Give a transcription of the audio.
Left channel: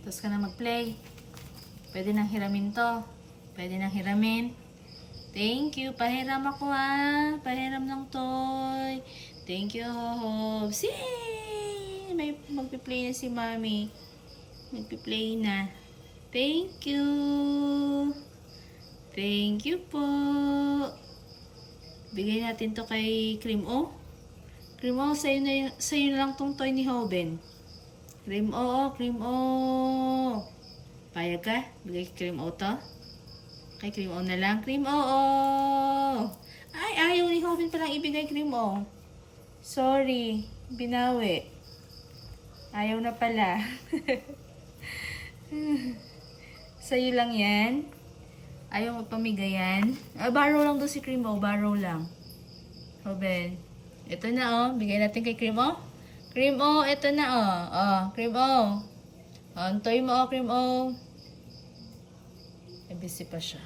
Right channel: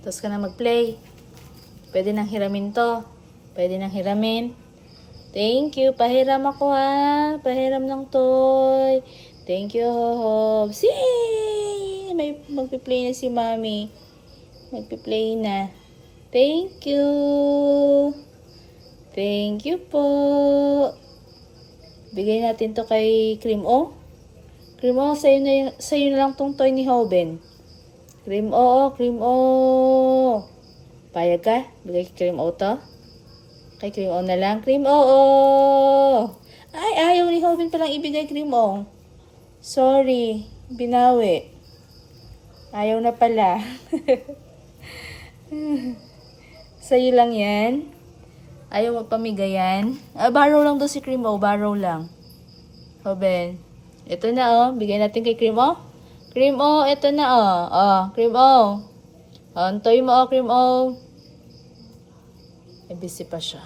Tapos ka na mag-play. Pwede nang hiramin to. Pwede nang hiramin. Thank you. Pahiram ako ha. Pahiram ng toy. Thank you, Hobbs. Yay! May magpi-play na si Mami. Magpi-play na. Thank you. Thank you po. Bigay natin to kay Cream O. Cream O, sa'yo na lang tong toy ni Hoben. Cream O, Cream O. Payag ka? Bigay kay Cream O to? Kay Cream O na lang. Cream O. Ay, ayaw ni Hoben palang ibigay Cream O. Sorry. Binawi. Ayaw na pala. Sa'yo lang yan. Ayaw magpamigayan. Borrow lang daw si Cream O. Borrow lang. Hoben. Ito na oh. Bigay natin kay Cream O. Cream O, ito na oh. Oh, Cream O. Antoy mo oh, Cream O. Busy pa siya.